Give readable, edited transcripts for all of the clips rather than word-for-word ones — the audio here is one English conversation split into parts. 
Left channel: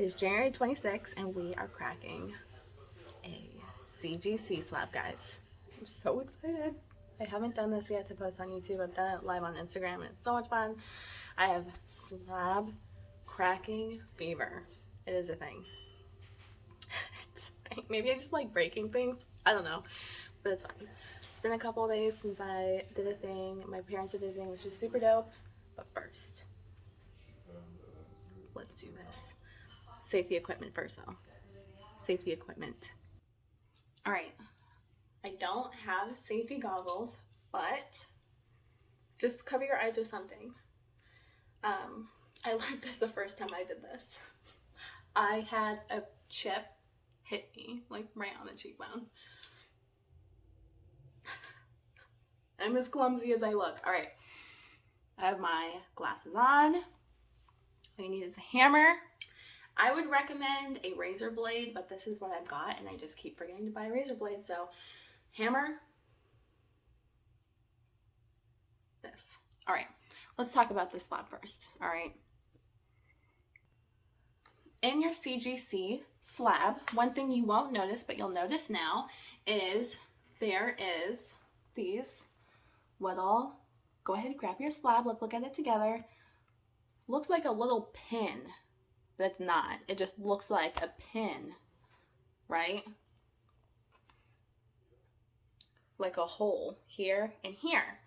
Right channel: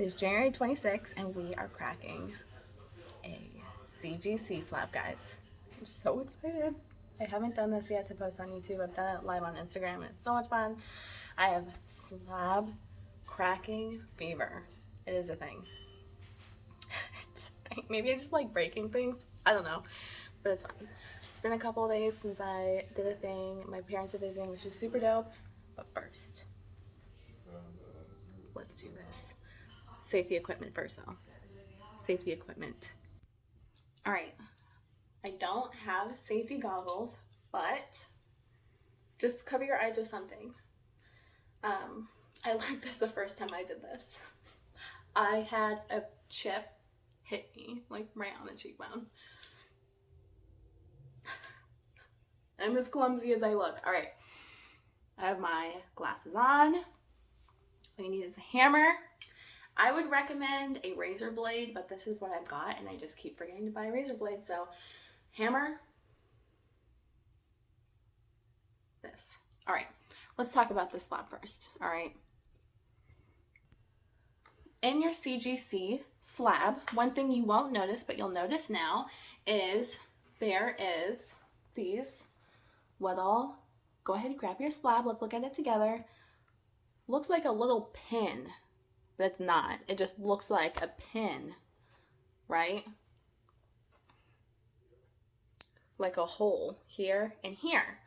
It is January 26th, and we are cracking a CGC slab, guys. I'm so excited. I haven't done this yet to post on YouTube. I've done it live on Instagram, and it's so much fun. I have slab cracking fever. It is a thing. It's a thing. Maybe I just like breaking things. I don't know, but it's fine. It's been a couple of days since I did a thing. My parents are visiting, which is super dope. But first, let's do this. Safety equipment first, though. Safety equipment. All right. I don't have safety goggles, but just cover your eyes with something. I learned this the first time I did this. I had a chip hit me, like right on the cheekbone. I'm as clumsy as I look. All right. I have my glasses on. All you need is a hammer. I would recommend a razor blade, but this is what I've got, and I just keep forgetting to buy a razor blade. So, hammer. This. All right. Let's talk about this slab first. All right. In your CGC slab, one thing you won't notice, but you'll notice now, is there is these little, go ahead and grab your slab. Let's look at it together. Looks like a little pin. But it's not. It just looks like a pin, right? Like a hole here and here.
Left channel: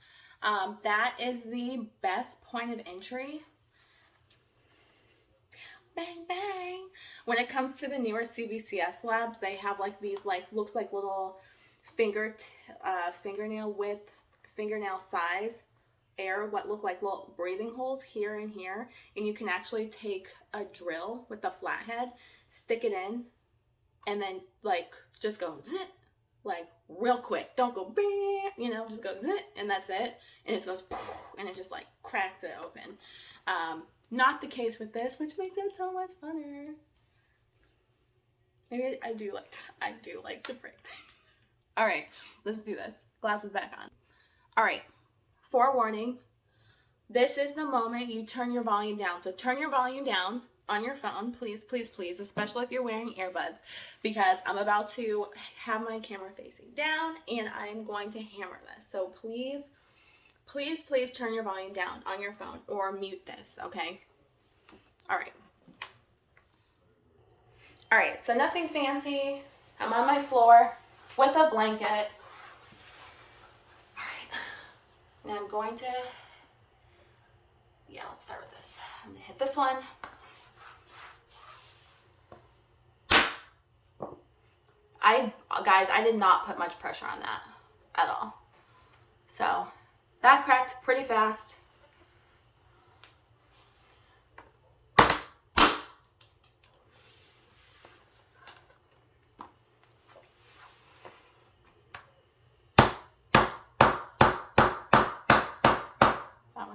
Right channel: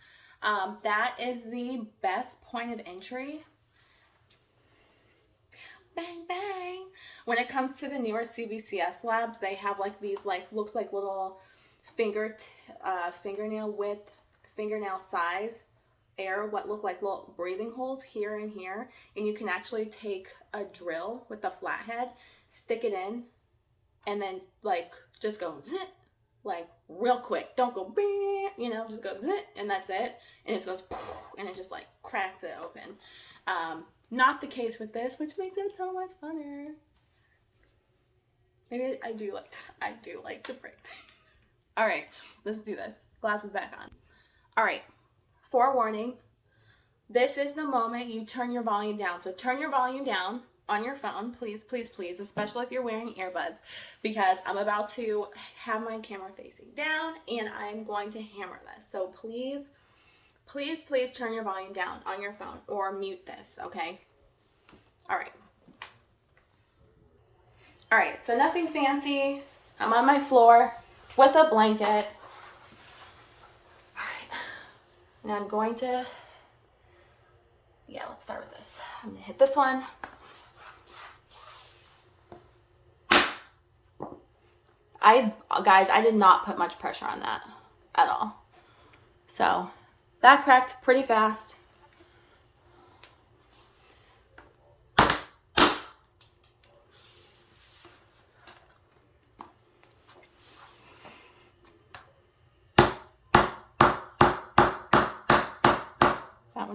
That is the best point of entry. Bang, bang. When it comes to the newer CBCS slabs, they have like these, like, looks like little fingernail width, fingernail size what look like little breathing holes here and here, and you can actually take a drill with the flathead, stick it in, and then like just go zit, like real quick. Don't go bang, you know, just go zit, and that's it. And it goes poof, and it just like cracks it open. Not the case with this, which makes it so much funner. Maybe I do like to break things. All right, let's do this. Glasses back on. All right. Forewarning, this is the moment you turn your volume down. So turn your volume down on your phone, please, please, please, especially if you're wearing earbuds, because I'm about to have my camera facing down and I'm going to hammer this. So please, please, please turn your volume down on your phone or mute this, okay? All right. All right, so nothing fancy. I'm on my floor with a blanket. And I'm going to, let's start with this. I'm gonna hit this one. Guys, I did not put much pressure on that at all. So that cracked pretty fast.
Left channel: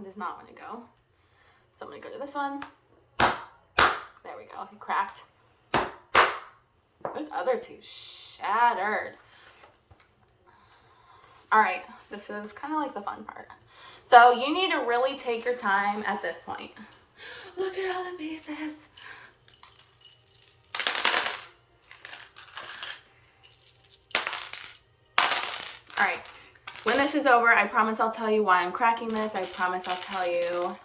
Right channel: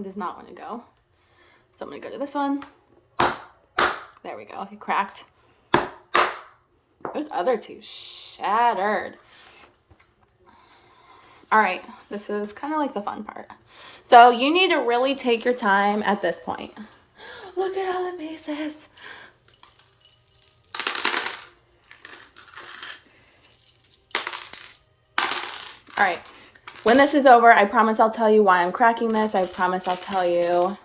Does not want to go. So I'm going to go to this one. There we go. It cracked. Those other two shattered. All right. This is kind of like the fun part. So you need to really take your time at this point. Look at all the pieces. All right. When this is over, I promise I'll tell you why I'm cracking this. I promise I'll tell you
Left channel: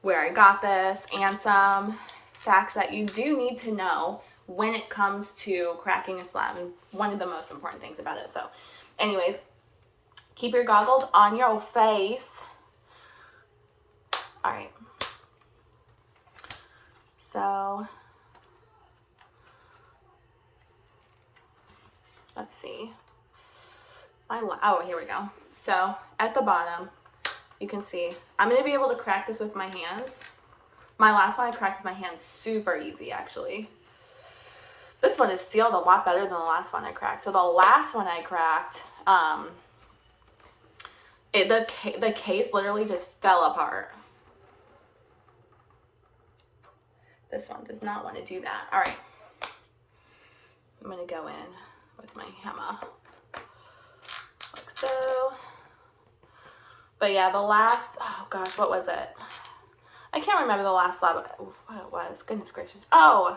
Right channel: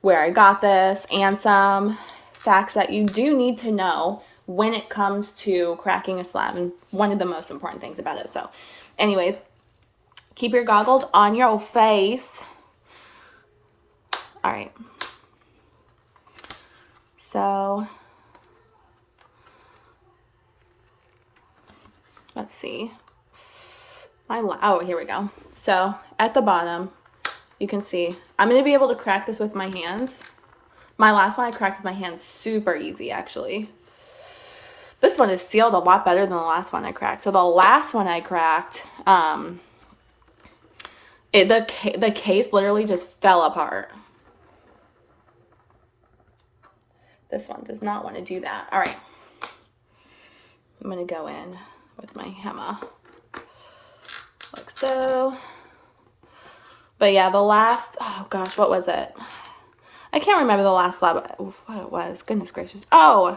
where I got this and some facts that you do need to know when it comes to cracking a slab, and one of the most important things about it. So anyways, keep your goggles on your face. All right. So let's see. Oh, here we go. So at the bottom, you can see, I'm going to be able to crack this with my hands. My last one I cracked with my hands super easy, actually. This one is sealed a lot better than the last one I cracked. So the last one I cracked, the case literally just fell apart. This one does not want to do that. All right. I'm going to go in with my hammer. Like so. But yeah, the last, oh what was it? I can't remember the last slab, what it was. Goodness gracious. Oh,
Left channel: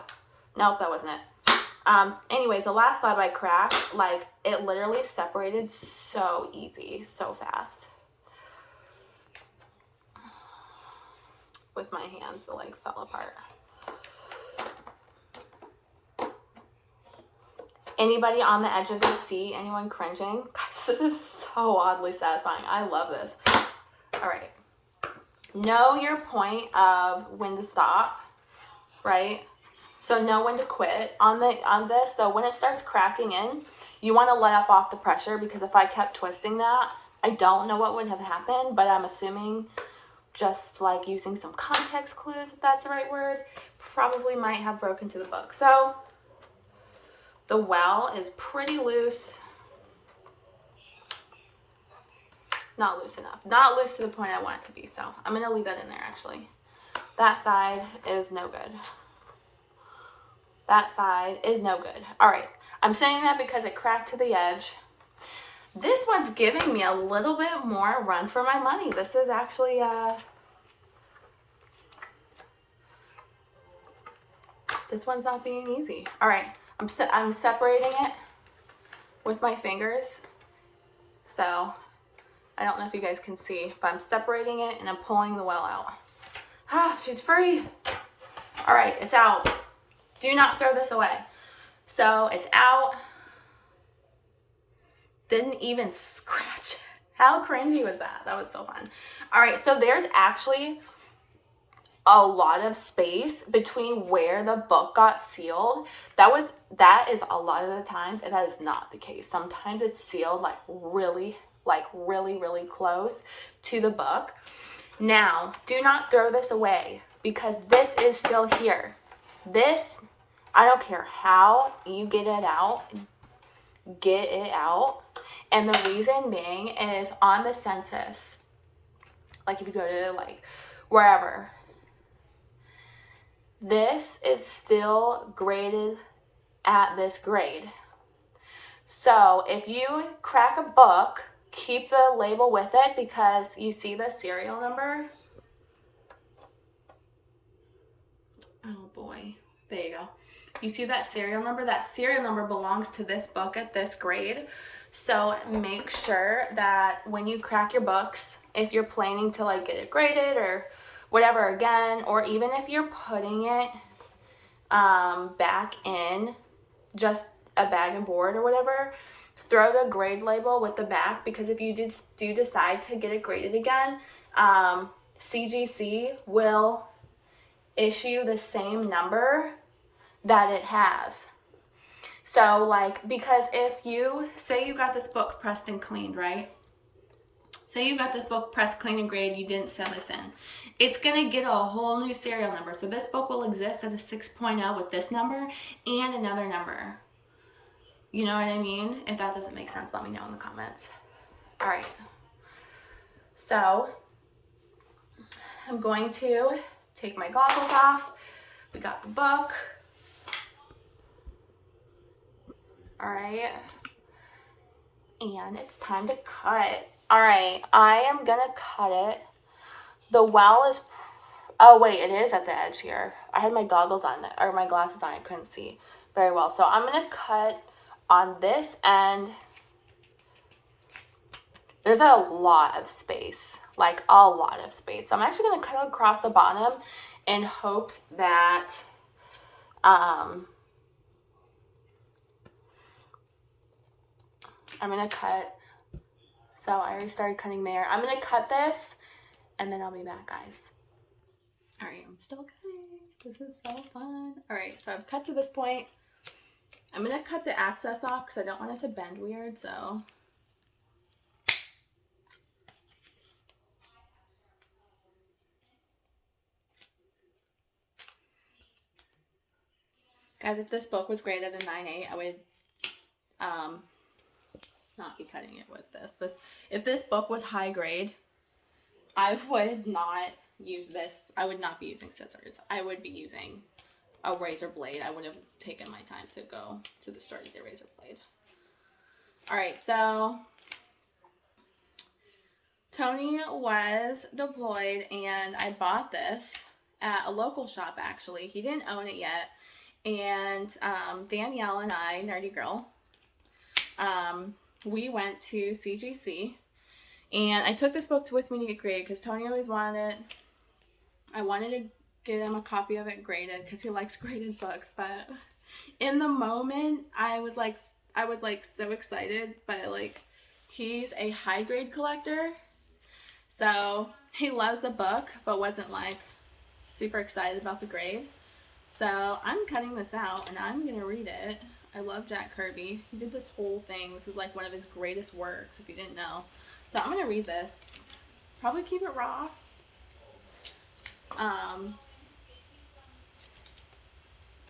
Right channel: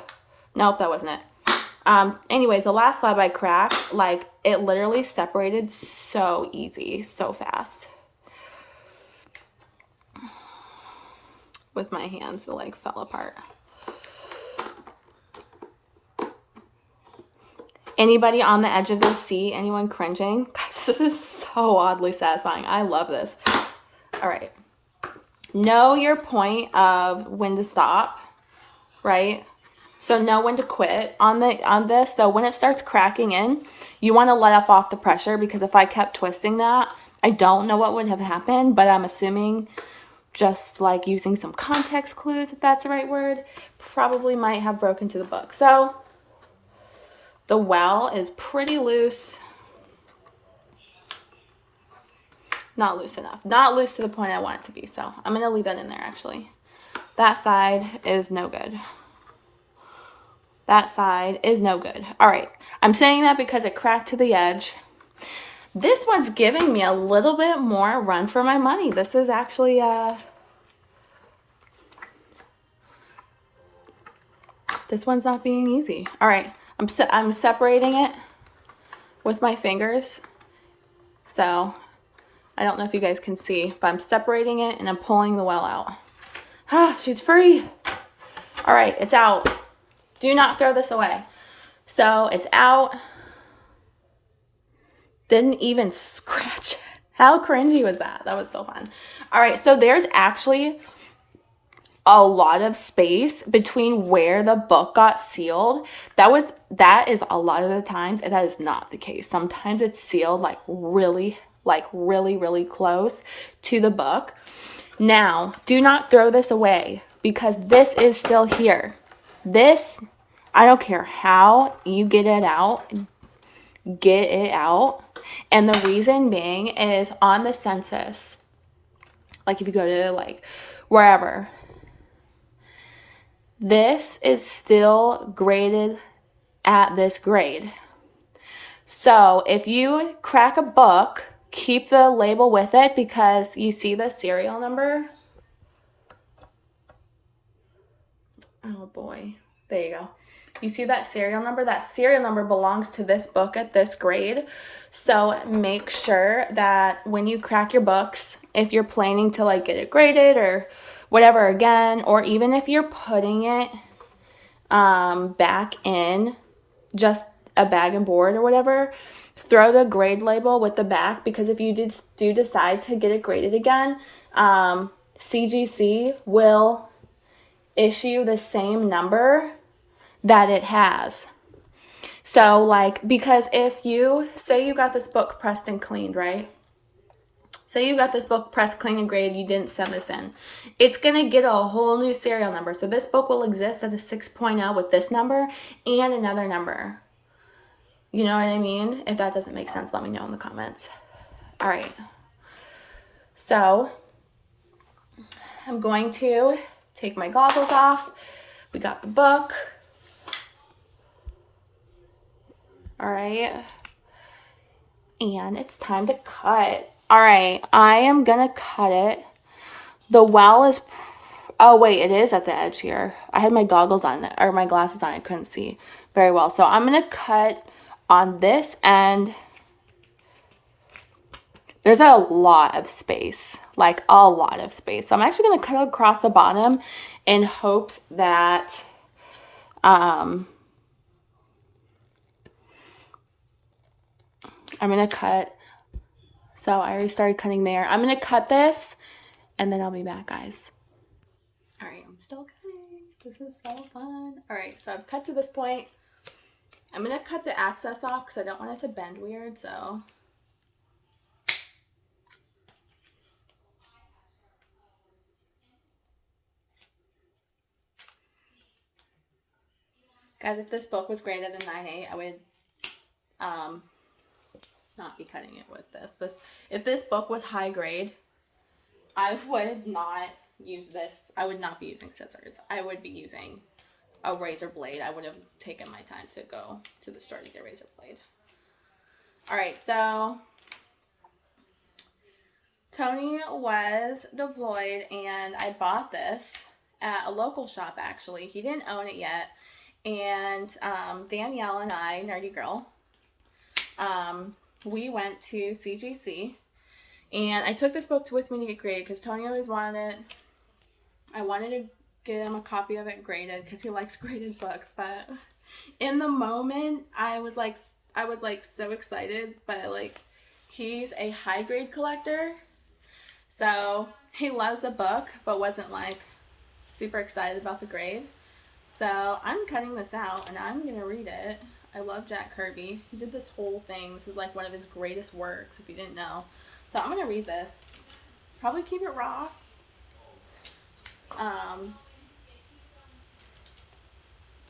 Nope, that wasn't it. Anyways, the last slab I cracked, like, it literally separated so easy, so fast. With my hands, it like fell apart. Anybody on the edge of their seat? Anyone cringing? Guys, this is so oddly satisfying. I love this. All right. Know your point of when to stop, right? So know when to quit on this. So when it starts cracking in, you want to let off the pressure, because if I kept twisting that, I don't know what would have happened, but I'm assuming, just like using some context clues, if that's the right word, probably might have broken to the book. So the well is pretty loose. Not loose enough. Not loose to the point I want it to be. So I'm going to leave that in there, actually. That side is no good. That side is no good. All right. I'm saying that because it cracked to the edge. This one's giving me a little bit more run for my money. This is actually this one's not being easy. All right. I'm separating it with my fingers. So I don't know if you guys can see, but I'm separating it and I'm pulling the well out. Ah, she's free. All right, it's out. Do not throw this away. So it's out. Didn't even scratch it. How cringy was that? That was so fun. All right, so there's actually a lot of space between where the book got sealed. That is a lot of the times, and that is not the case. Sometimes it's sealed like really close to the book. Now, do not throw this away, because this is still here. This, I don't care how you get it out. And the reason being is, on the census, like if you go to like wherever, this is still graded at this grade. So if you crack a book, keep the label with it, because you see the serial number. Oh boy, there you go. You see that serial number? That serial number belongs to this book at this grade. So make sure that when you crack your books, if you're planning to like get it graded or whatever again, or even if you're putting it back in just a bag and board or whatever, throw the grade label with the back, because if you do decide to get it graded again, CGC will issue the same number that it has. So like, because if you say you got this book pressed and cleaned, right? Say you got this book pressed, clean, and graded, you didn't send this in. It's going to get a whole new serial number. So this book will exist at a 6.0 with this number and another number. You know what I mean? If that doesn't make sense, let me know in the comments. All right. So I'm going to take my goggles off. We got the book. All right. And it's time to cut. All right, I am gonna cut it. The well is, oh wait, it is at the edge here. I had my goggles on, or my glasses on, I couldn't see very well. So I'm gonna cut on this end. There's a lot of space, like a lot of space. So I'm actually gonna cut across the bottom in hopes that, I'm gonna cut. So I already started cutting there. I'm gonna cut this and then I'll be back, guys. All right, I'm still cutting. This is so fun. All right, so I've cut to this point. I'm gonna cut the access off because I don't want it to bend weird, so. Guys, if this book was graded a 9.8, I would not be cutting it with this. If this book was high grade, I would not use this. I would not be using scissors. I would be using a razor blade. I would have taken my time to go to the store to get a razor blade. All right, so Tony was deployed and I bought this at a local shop actually. He didn't own it yet. And Danielle and I, Nerdy Girl, we went to CGC, and I took this book with me to get graded because Tony always wanted it. I wanted to get him a copy of it graded because he likes graded books, but in the moment I was like so excited, but like he's a high grade collector, so he loves the book but wasn't like super excited about the grade. So I'm cutting this out and I'm gonna read it. I love Jack Kirby. He did this whole thing. This is like one of his greatest works, if you didn't know. So I'm gonna read this. Probably keep it raw.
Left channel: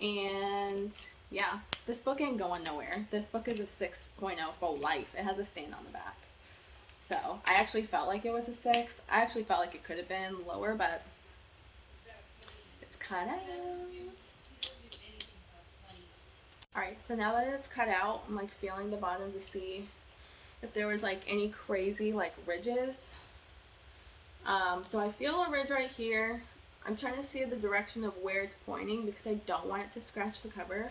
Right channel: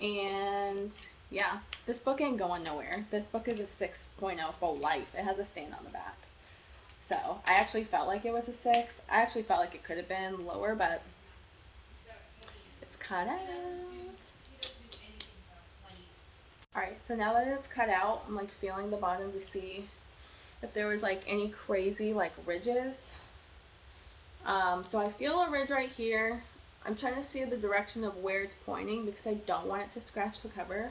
And yeah, this book ain't going nowhere. This book is a 6.0 for life. It has a stain on the back. So I actually felt like it was a 6. I actually felt like it could have been lower, but it's cut out. Alright, so now that it's cut out, I'm like feeling the bottom to see if there was like any crazy like ridges. So I feel a ridge right here. I'm trying to see the direction of where it's pointing because I don't want it to scratch the cover.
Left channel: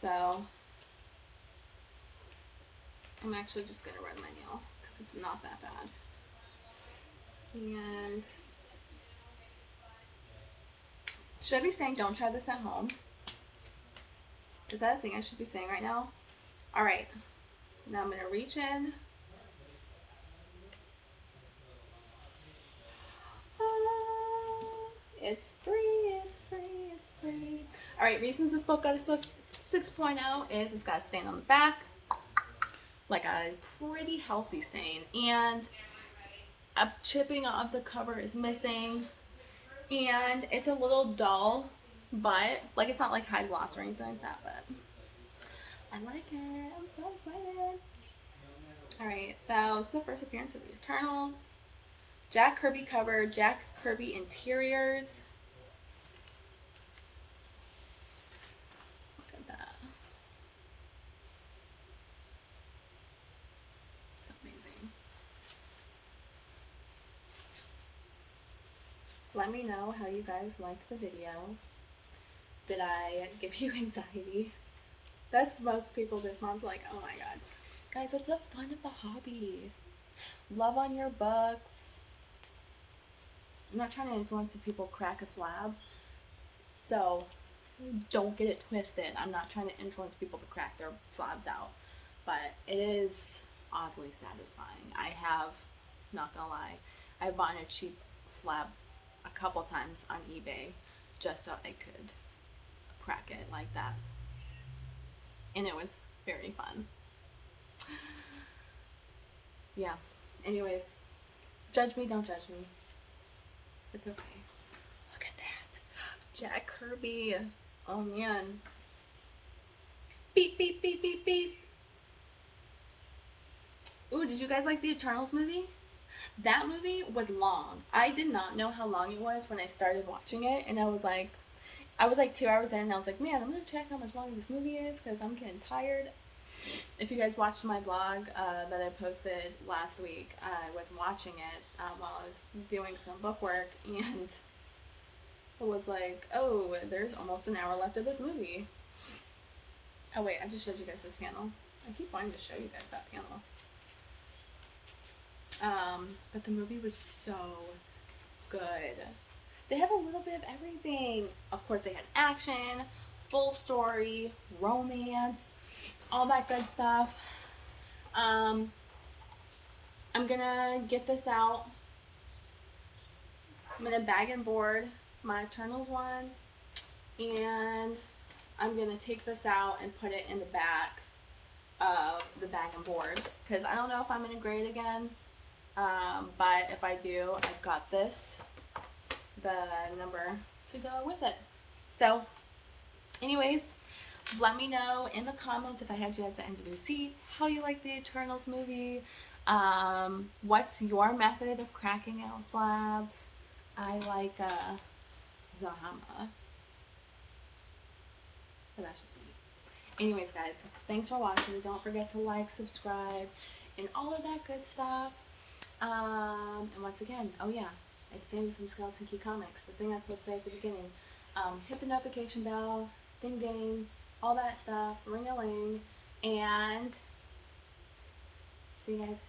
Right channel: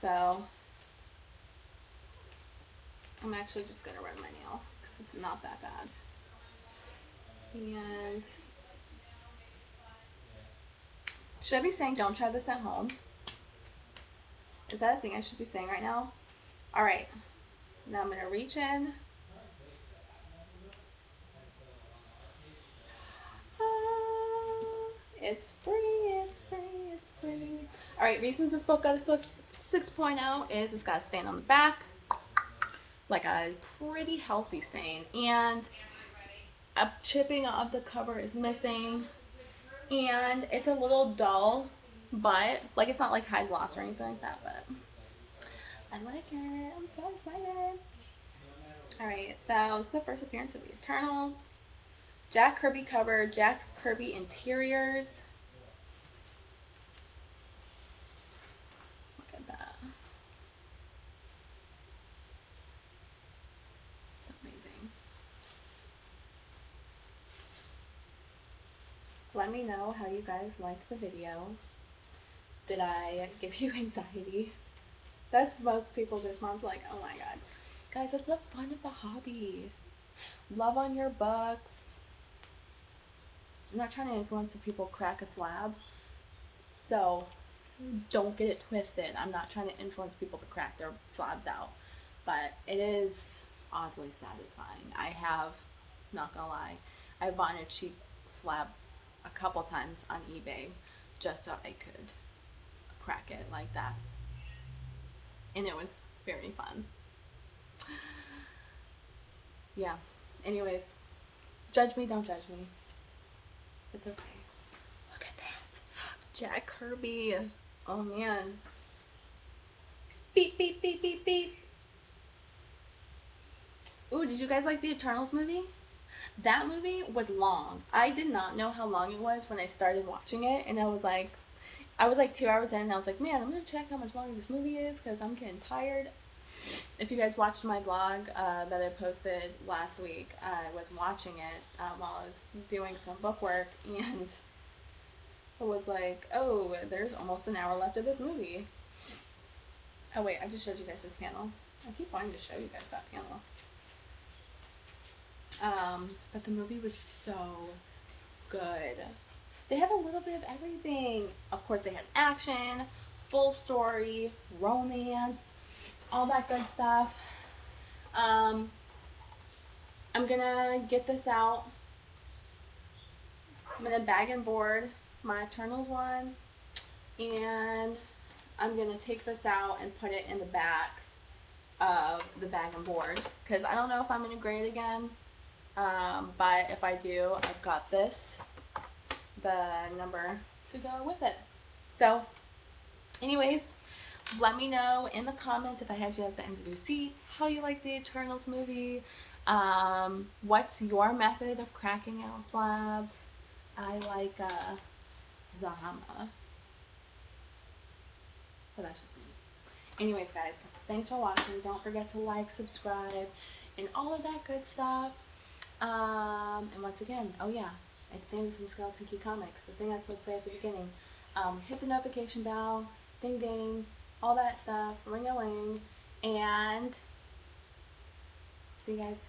So I'm actually just going to run my nail because it's not that bad. And should I be saying don't try this at home? Is that a thing I should be saying right now? Alright, now I'm going to reach in. It's free, it's free, it's free. Alright, reasons this book got a 6.0 is it's got a stain on the back. Like a pretty healthy stain. And a chipping of the cover is missing. And it's a little dull, but like it's not like high gloss or anything like that, but I like it. I'm so excited. Alright, so it's the first appearance of the Eternals. Jack Kirby cover, Jack Kirby interiors. Look at that. It's amazing. Let me know how you guys liked the video. Did I give you anxiety? That's most people's response, like, oh my god. Guys, that's the fun of the hobby. Love on your books. I'm not trying to influence the people crack a slab, so don't get it twisted. I'm not trying to influence people to crack their slabs out, but it is oddly satisfying. I have, not gonna lie, I've bought a cheap slab a couple times on eBay just so I could crack it like that, and it was very fun. Yeah, anyways, judge me, don't judge me. It's okay. Look at that. Jack Kirby. Oh man. Beep, beep, beep, beep, beep. Ooh, did you guys like the Eternals movie? That movie was long. I did not know how long it was when I started watching it, and I was like 2 hours in, and I was like, man, I'm gonna check how much longer this movie is because I'm getting tired. If you guys watched my vlog that I posted last week, I was watching it while I was doing some book work, and I was like, oh, there's almost an hour left of this movie. Oh wait, I just showed you guys this panel. I keep wanting to show you guys that panel. But the movie was so good. They had a little bit of everything. Of course, they had action, full story, romance, all that good stuff. I'm gonna get this out. I'm gonna bag and board my Eternals one, and I'm gonna take this out and put it in the back of the bag and board because I don't know if I'm gonna grade again, but if I do, I've got this, the number to go with it. So anyways, let me know in the comments if I had you at the end of your seat how you like the Eternals movie. What's your method of cracking out slabs? I like Zahama, but that's just me. Anyways, guys, thanks for watching. Don't forget to like, subscribe, and all of that good stuff. And once again, oh yeah, it's Sammy from Skeleton Key Comics. The thing I was supposed to say at the beginning. hit the notification bell, ding ding, all that stuff, ring a ling, and see you guys.